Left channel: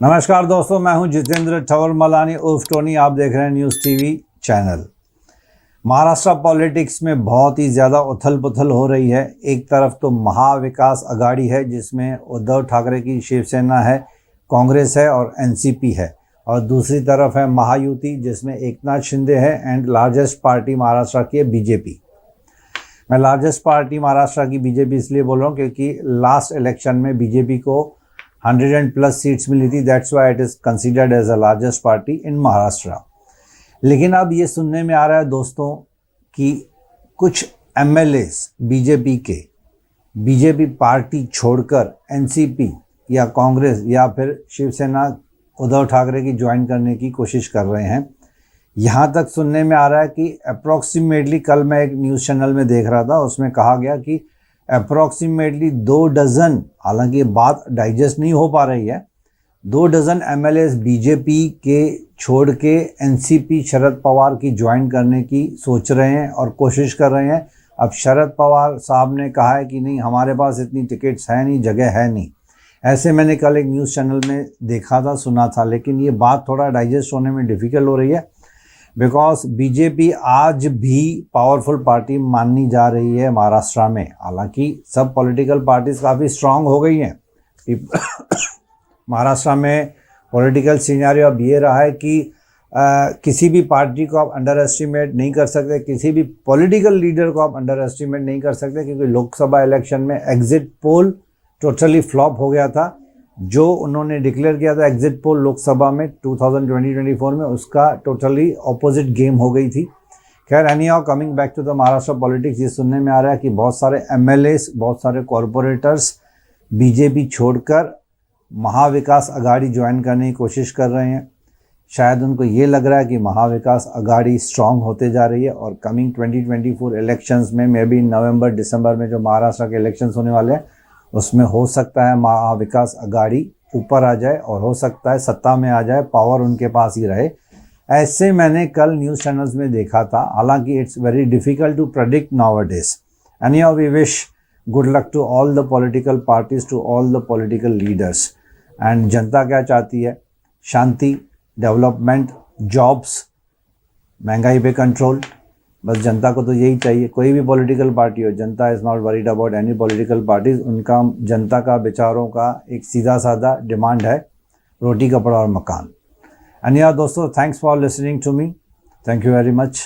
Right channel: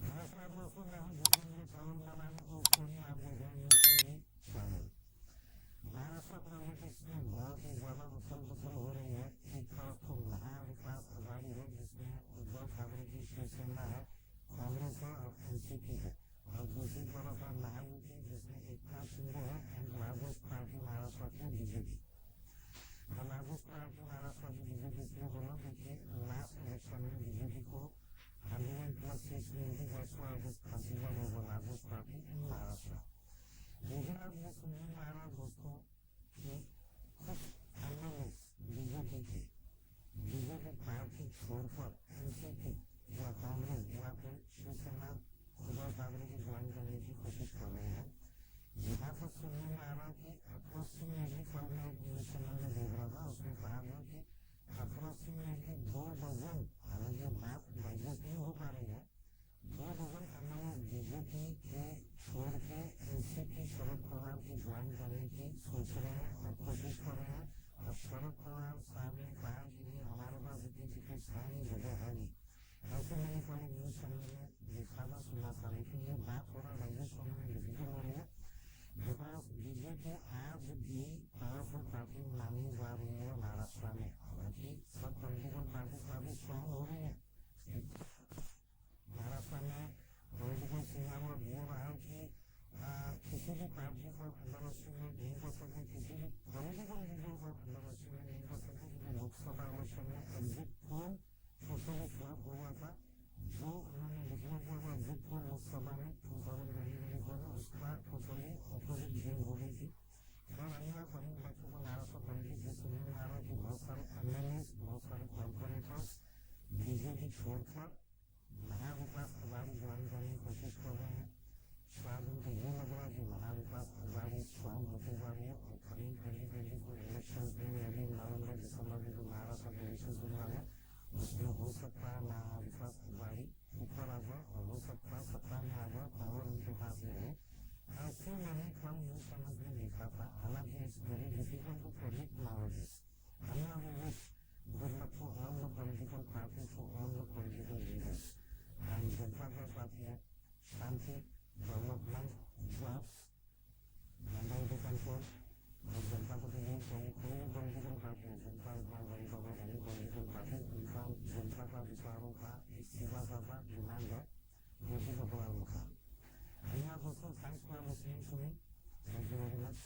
नमस्कार दोस्तों, मैं हूं जितेंद्र ठवर मलानी उर्फ टोनी। आप देख रहे हैं न्यूज़ टीवी चैनल। महाराष्ट्र पॉलिटिक्स में बहुत ही ज़्यादा उथल पुथल हो रही है। एक तरफ तो महाविकास अघाड़ी है जिसमें उद्धव ठाकरे की शिवसेना है, कांग्रेस है और एनसीपी है, और दूसरी तरफ है महायुति जिसमें एकनाथ शिंदे है एंड लार्जेस्ट पार्टी महाराष्ट्र की है बीजेपी। मैं लार्जेस्ट पार्टी महाराष्ट्र की बीजेपी इसलिए बोल रहा हूँ क्योंकि लास्ट इलेक्शन में बीजेपी को 100+ सीट्स मिली थी। That's why it is considered as the largest party in Maharashtra. लेकिन अब ये सुनने में आ रहा है दोस्तों कि कुछ एमएलएस बीजेपी पार्टी छोड़कर एनसीपी या कांग्रेस या फिर शिवसेना उद्धव ठाकरे की ज्वाइन करने की कोशिश कर रहे हैं। यहाँ तक सुनने में आ रहा है कि अप्रॉक्सीमेटली, कल मैं एक न्यूज़ चैनल में देख रहा था, उसमें कहा गया कि अप्रॉक्सीमेटली 2 डज़न, हालांकि ये बात डाइजेस्ट नहीं हो पा रही है, 2 डज़न एमएलएस बीजेपी के छोड़ के एनसीपी शरद पवार की ज्वाइन करने की सोच रहे हैं और कोशिश कर रहे हैं। अब शरद पवार साहब ने कहा है कि नहीं, हमारे पास इतनी टिकट्स है नहीं, जगह है नहीं। ऐसे मैंने कल एक न्यूज़ चैनल में देखा था, सुना था, लेकिन ये बात थोड़ा डाइजेस्ट होने में डिफ़िकल्ट हो रही है बिकॉज बीजेपी आज भी पावरफुल पार्टी मानी जा रही है महाराष्ट्र में। हालांकि सब पॉलिटिकल पार्टीज काफ़ी स्ट्रांग हो गई हैं। महाराष्ट्र में पॉलिटिकल सिनेरियो अब ये रहा है कि किसी भी पार्टी को आप अंडर एस्टिमेट नहीं कर सकते, किसी भी पॉलिटिकल लीडर को आप अंडर एस्टिमेट नहीं कर सकते, क्योंकि लोकसभा इलेक्शन में एग्जिट पोल टोटली फ्लॉप हो गया था। जो उन्होंने डिक्लेयर किया था एग्जिट पोल लोकसभा में 2020-24 में, उसका टोटली ऑपोजिट गेम हो गई थी। खैर, anyhow, coming back to the Maharashtra politics, ये सुनने में आ रहा है कि बहुत सारे एमएलएस, बहुत सारे कॉरपोरेटर्स बीजेपी छोड़कर महाविकास अघाड़ी ज्वाइन करने की कोशिश कर रहे हैं। शायद उनको ये लग रहा है कि महाविकास अघाड़ी स्ट्रांग होते जा रही है और कमिंग 2024 इलेक्शंस में, मे बी नवंबर दिसंबर में जो महाराष्ट्र के इलेक्शंस होने वाले हैं, उसमें हो सकता है महाविकास अघाड़ी ऊपर आ जाए और हो सकता है सत्ता में आ जाए, पावर उनके पास ही रहे। ऐसे मैंने कल न्यूज़ चैनल्स में देखा था। हालांकि it's very difficult to predict nowadays. Anyhow, we wish good luck to all the political parties, to all the political leaders. And जनता क्या चाहती है? शांति, डेवलपमेंट, जॉब्स, महंगाई पे कंट्रोल। बस जनता को तो यही चाहिए। कोई भी पॉलिटिकल पार्टी हो, जनता is not worried about any political parties. उनका, जनता का, बेचारों का एक सीधा साधा डिमांड है, रोटी, कपड़ा और मकान। एंड यार दोस्तों, thanks for listening to me. Thank you very much.